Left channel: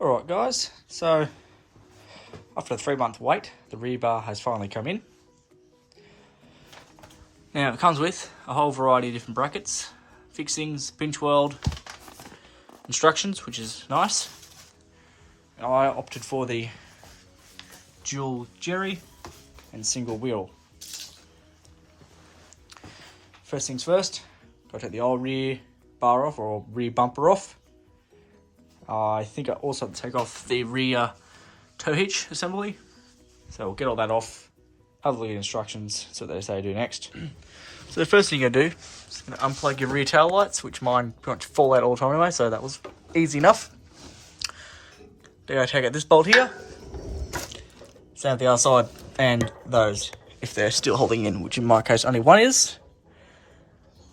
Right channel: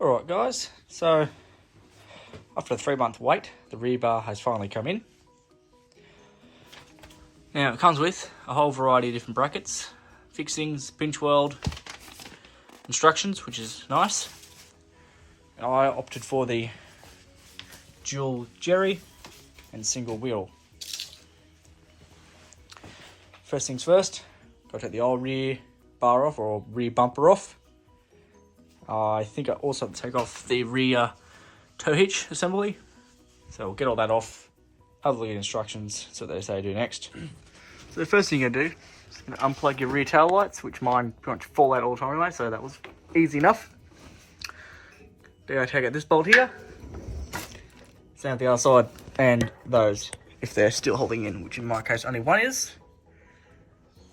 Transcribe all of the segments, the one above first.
Alright guys, so after a 3-month wait, the rear bar has finally come in. Now it comes with a whole variety of different brackets, fixings, pinch weld, instructions, which is nice. And I opted for the dual jerry and single wheel. First things first, got to take the old rear bar off, or rear bumper off. I think I also have to take off the rear tow hitch assembly. So we'll get all that off, have a look at the instructions, so they say do next. So the first thing you're going to do is going to unplug your rear tail lights, which mine pretty much fall out all the time anyway, so that was easy enough. Then I take out this bolt here, same with the other side, and those, if they're still holding in, which in my case only one is.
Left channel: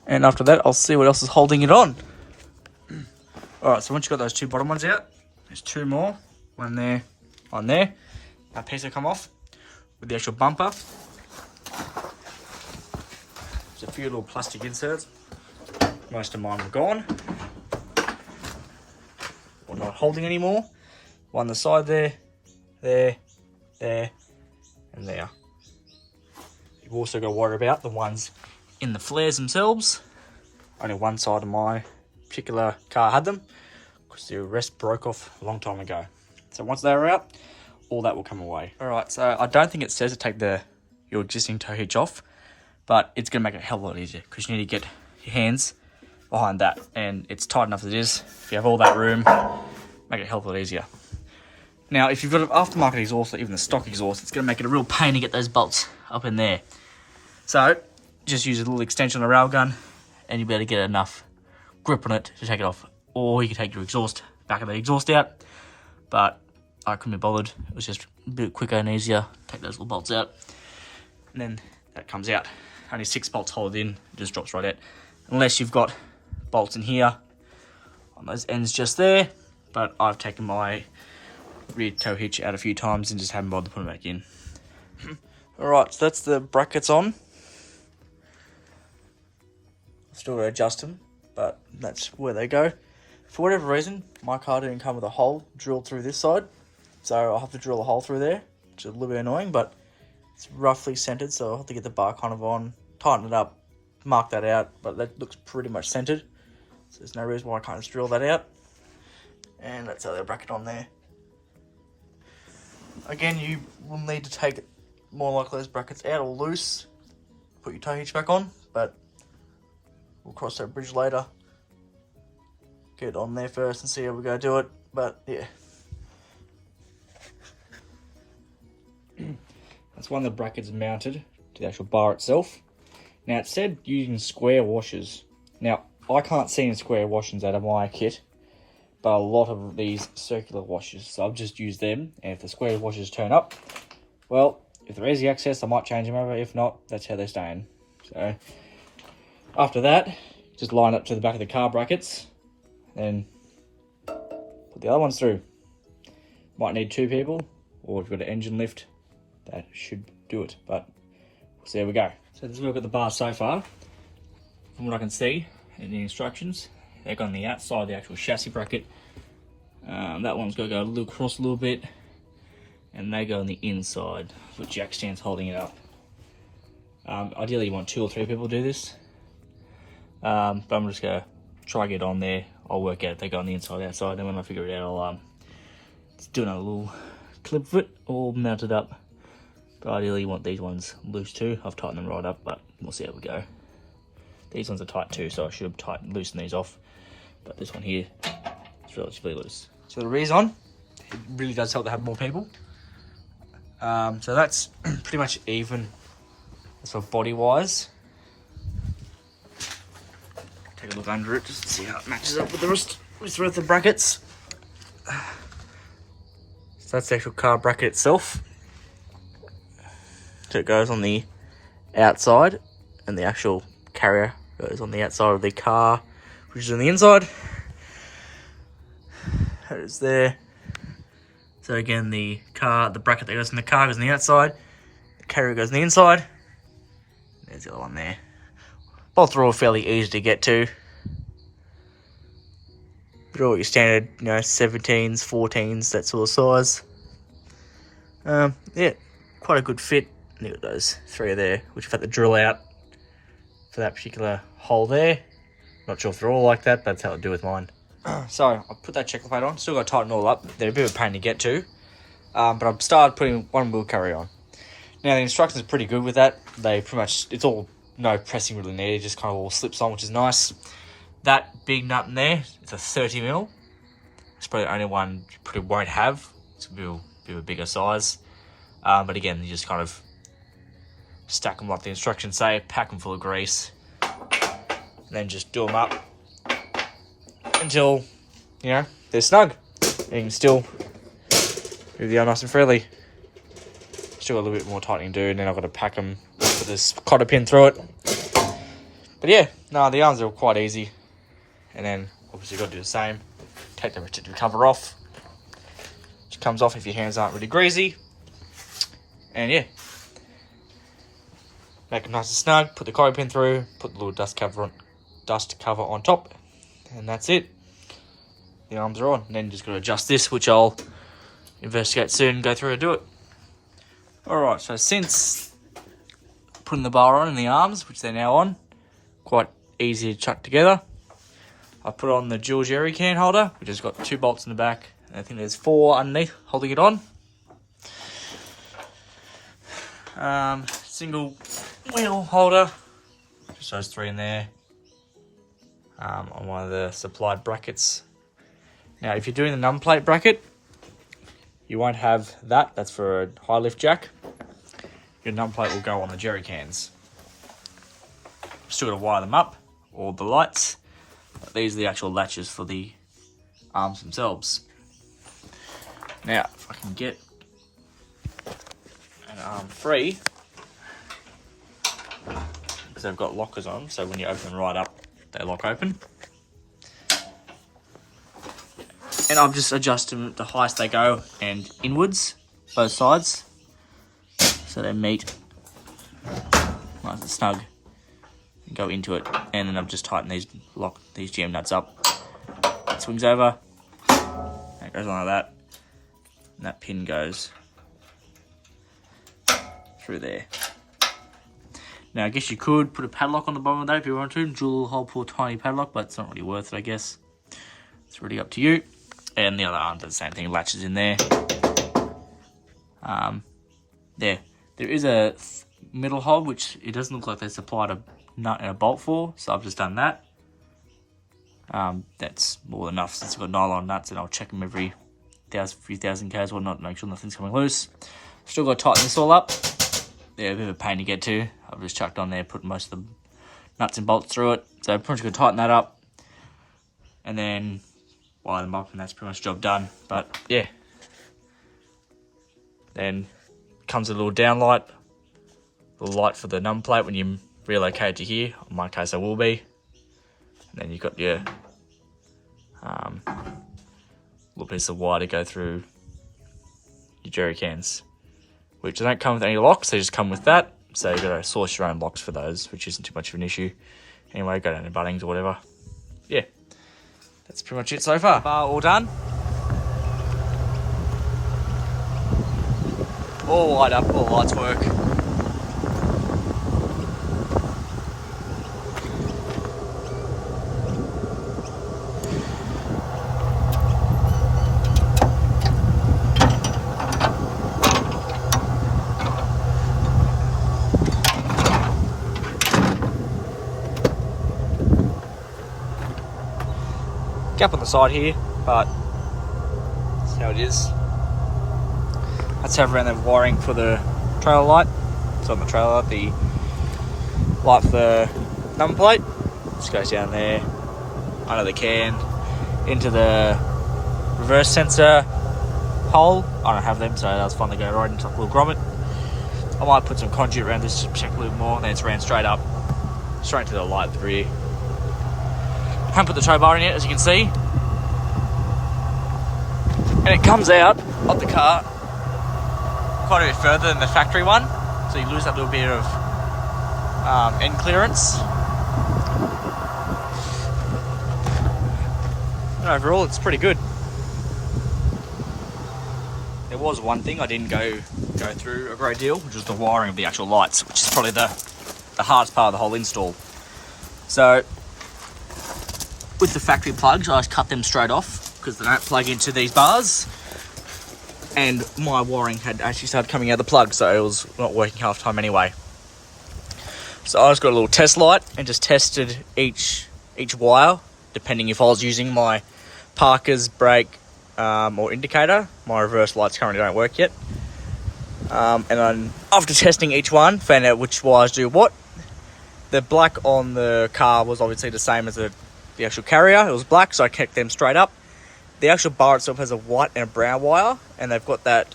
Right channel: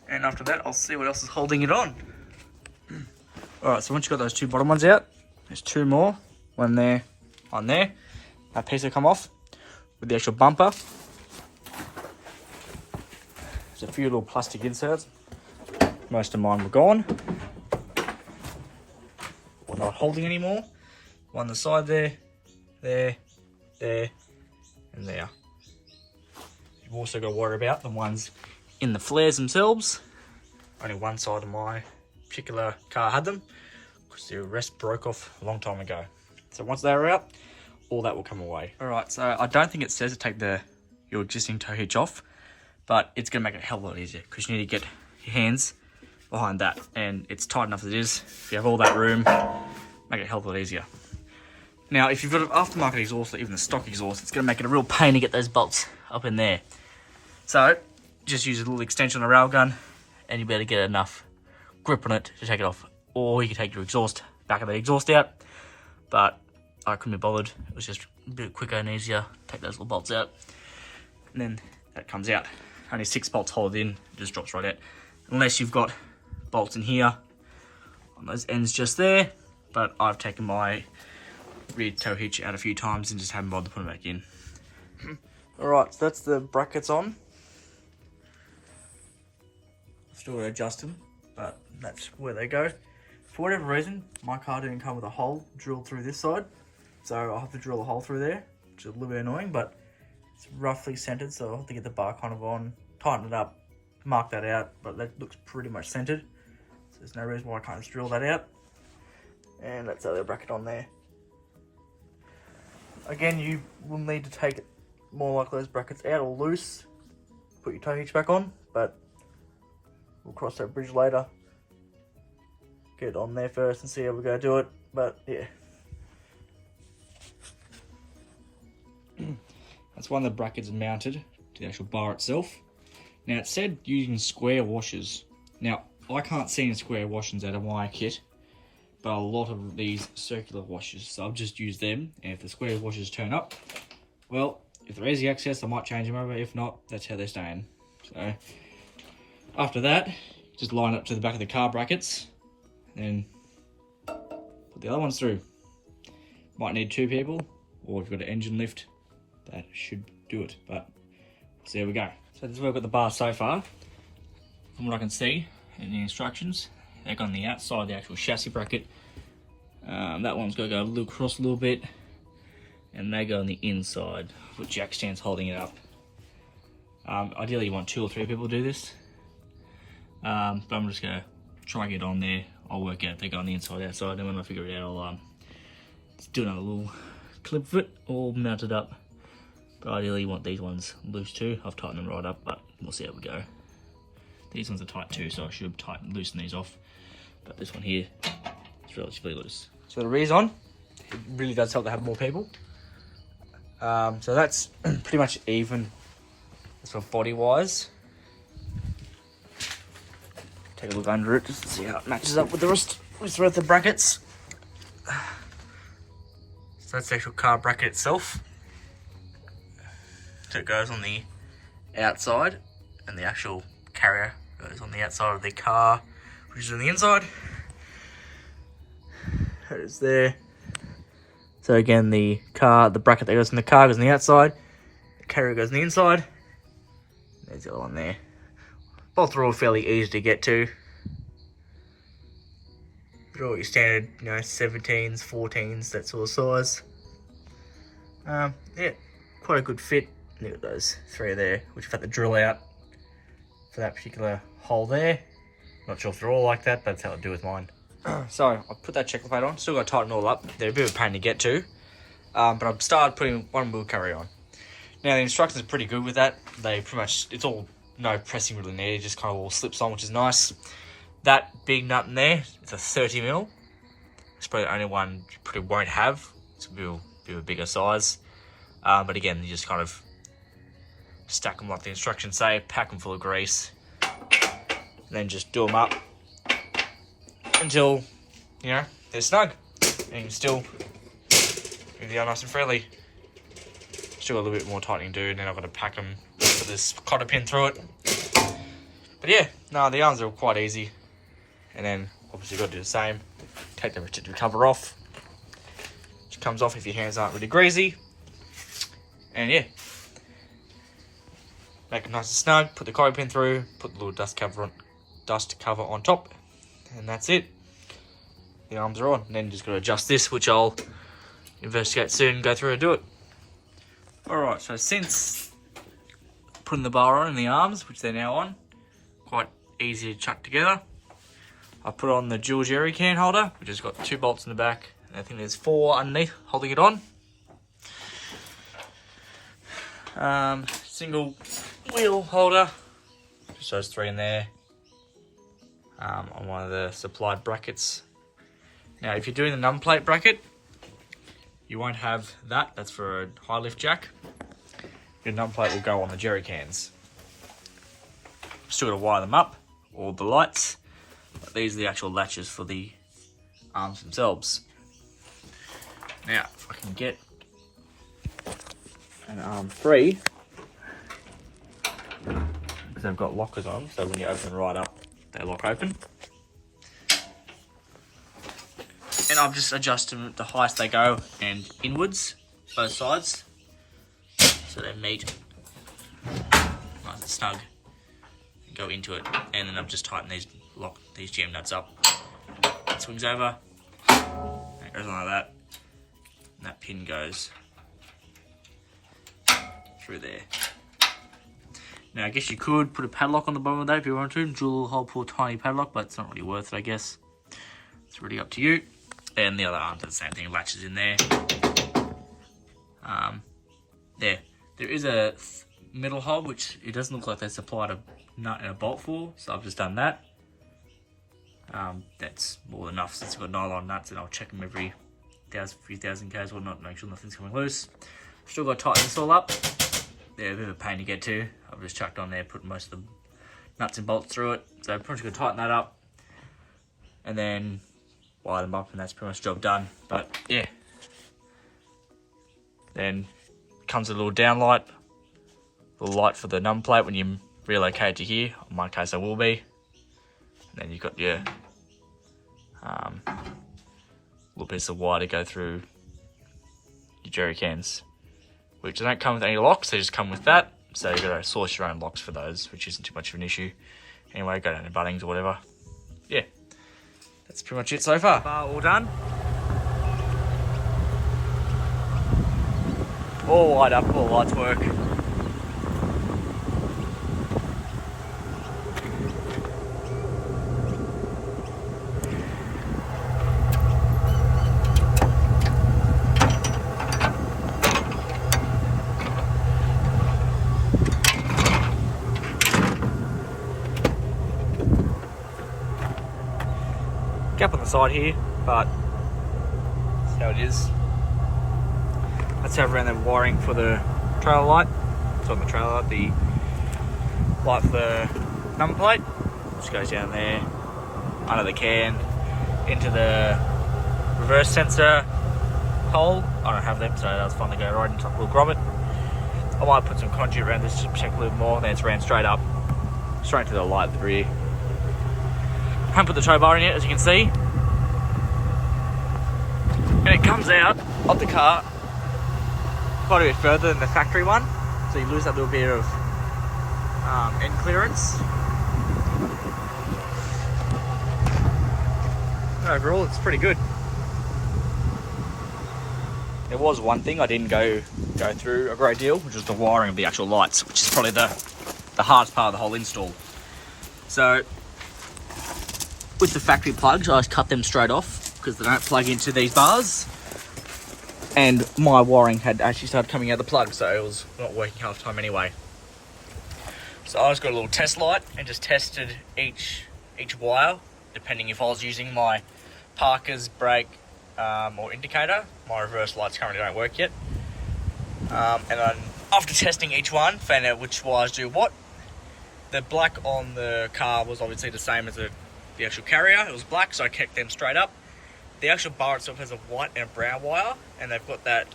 And after that, I'll see what else is holding it on. Alright, so once you've got those two bottom ones out, there's two more, one there, one there. That piece will come off with the actual bumper. There's a few little plastic inserts. Most of mine were gone, or not holding anymore. One on the side there, there, and there. You've also got to worry about the ones in the flares themselves. Only one side of my particular car had them, because the rest broke off a long time ago. So once they're out, all that will come away. Alright, so I don't think it says to take your existing tow hitch off, but it's going to make it a hell of a lot easier, because you need to get your hands behind that, and it's tight enough as it is. If you have all that room, make it a hell of a lot easier. Now, if you've got an aftermarket exhaust, or even the stock exhaust, it's going to make it a real pain to get those bolts up in there. So, just use a little extension on the railgun, and you'll be able to get enough grip on it to take it off. Or you can take your back of the exhaust out, but I couldn't be bothered. It was just a bit quicker and easier. Take those little bolts out, and then that comes out. Only 6 bolts hold it in, it just drops right out. Unless you've got bolts in here on those ends just there, but I've taken my rear tow hitch out a few times and just haven't bothered to put it back in. Alright, so that's the brackets on. Still got to adjust them, but that's where they go. For whatever reason, my car didn't come with a hole drilled through this side, so I'll have to drill a hole through there, which is a little bit annoying, but it's roughly centered, so I'll have to get the bar kind of on, tighten it up, mark that out, but that looks pretty much centered, so there's no reason why I can't just drill that out. And that's the other bracket on there. Again, you will need to take more likely those brackets out or loose, put your tow hitch back on, but we'll cross that bridge later. Get it on there first and see how we're going to do it, but yeah. That's one of the brackets mounted to the actual bar itself. Now it said using square washers. Now I can't see any square washers out of my kit, but a lot of these circular washers, so I've just used them, and if the square washers turn up, well, if they're easy access I might change them over, if not, that's how they're staying. So after that, just line up to the back of the car brackets, and put the other ones through. Might need 2 people, or if you've got an engine lift, that should do it, but so there we go. So this is where we've got the bar so far. From what I can see in the instructions, they go on the outside of the actual chassis bracket. That one's got to go across a little bit, and they go on the inside, with jack stands holding it up. Ideally you want 2 or 3 people to do this, but I'm just going to try get on there. I'll work out if they go on the inside, outside, and when I figure it out I'll do another little clip of it all mounted up. But ideally you want these ones loose too. I've tightened them right up, but we'll see how we go. These ones are tight too, so I should loosen these off. But this one here is relatively loose. So the rear's on. It really does help to have more people. So that's pretty much even as for body wise. Take a look under it just to see how it matches up with the rest of the brackets. So that's the actual car bracket itself. So it goes on the outside, and the actual carrier goes on the outside of the car, which is on the inside. That is there. So again, the bracket that goes in the car goes on the outside, the carrier goes on the inside. There's the other one there. Both are all fairly easy to get to. They're all your standard, 17s, 14s, that sort of size. Yeah, quite a good fit. Look at those 3 there, which I've had to drill out for that particular hole there. Not sure if they're all like that, but that's how I do with mine. So I'll put that checker plate on. Still got to tighten it all up. They're a bit of a pain to get to, but I've started putting one wheel carry on. Now the instructions are pretty good with that. They pretty much, it's all no pressing really needed, just kind of all slips on, which is nice. That big nut in there, it's a 30mm. It's probably the only one you probably won't have. It's a bit of a bigger size. But again, you just kind of stack them like the instructions say, pack them full of grease, and then just do them up until, they're snug. And you can still move the arm nice and freely. Still got a little bit more tightening to do, and then I've got to pack them, put this cotter pin through it. But yeah, no, the arms are quite easy. And then obviously you've got to do the same. Take the protective cover off. It comes off if your hands aren't really greasy. And yeah, make it nice and snug. Put the cotter pin through. Put the little dust cover on top, and that's it. The arms are on. And then you just got to adjust this, which I'll investigate soon. Go through and do it. All right. So since putting the bar on in the arms, which they're now on, quite easy to chuck together. I put on the dual jerry can holder, which has got 2 bolts in the back. And I think there's 4 underneath holding it on. Single wheel holder, just those 3 in there, on one of the supplied brackets. Now, if you're doing the numb plate bracket, you won't have that. That's for a high lift jack. Your numb plate will go on the jerry cans. Still got to wire them up, all the lights. But these are the actual latches for the arms themselves. Now, if I can get an arm free, because they've got lockers on, so when you open them right up, they lock open. And I'm just adjusting the highest they go and inwards, both sides, so they meet nice and snug. Go into it, and then I've just tightened these jam nuts up. It swings over, and it goes on like that, and that pin goes through there. Now I guess you could put a padlock on the bottom of that if you want to, drill a little hole, pull a tiny padlock, but it's not really worth it, I guess. It's really up to you. And the other arms are the same thing, latches in there. There is a middle hole, which it doesn't look like they supplied a nut and a bolt for, so I've just done that. That's more than enough since I've got nylon nuts, and I'll check them every few thousand k's or not, make sure nothing's coming loose. Still got to tighten this all up. They're a bit of a pain to get to. I've just chucked on there, put most of the nuts and bolts through it, so pretty much going to tighten that up and then wire them up, and that's pretty much job done. But yeah, then comes a little down light, a little light for the numb plate when you relocate to here. In my case I will be. And then you've got your little piece of wire to go through your jerry cans, which don't come with any locks, they just come with that, so you've got to source your own locks for those, which isn't too much of an issue. Anyway, go down to Bunnings or whatever. Yeah, that's pretty much it so far. All done, all wired up, all the lights work. Gap on the side here, but that's how it is. That's how around the wiring for the trailer light. It's on the trailer light, the light for the number plate. Just goes down there, under the can, into the reverse sensor hole. I don't have them, so that was fun to go right into a little grommet. I might put some conduit around this to protect a little more, and then it's ran straight up, straight to the light at the rear. Haven't put the tow bar in yet, as you can see. And it comes out of the car quite a bit further than the factory one, so you lose that little bit of end clearance. overall it's pretty good. There was one thing I didn't go through a great deal, which was the wiring of the actual lights, which is probably the hardest part of the whole install. So with the factory plugs, I just cut them straight off because they don't plug into these bars. And my wiring had actually started coming out of the plug, so it was not working half the time anyway. So I just got a little test light and just tested each wire, depending if I was using my Parker's brake or indicator. My reverse lights currently don't work yet. And then after testing each one, found out which wires do what. The black on the car was obviously the same as the actual carrier. It was black, so I kept them straight up. The actual bar itself has a white and a brown wire, and they've got that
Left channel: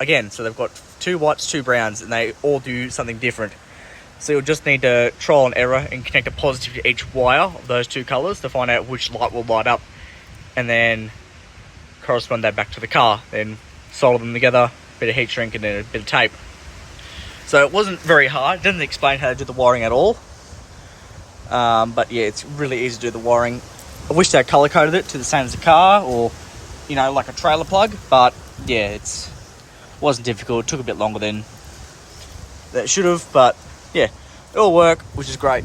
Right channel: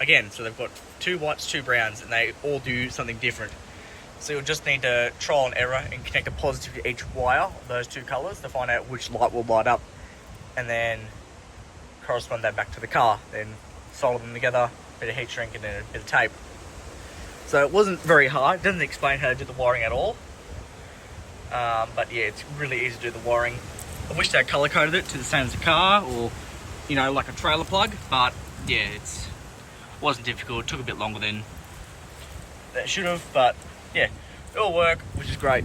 again. So they've got 2 whites, 2 browns, and they all do something different. So you'll just need to trial and error and connect a positive to each wire of those 2 colours to find out which light will light up, and then correspond that back to the car. Then solder them together, a bit of heat shrink and then a bit of tape. So it wasn't very hard. It doesn't explain how to do the wiring at all. But yeah, it's really easy to do the wiring. I wish they colour coded it to the same as the car, or you know, like a trailer plug. But yeah, it wasn't difficult. It took a bit longer than it should have, but yeah, it all worked, which is great.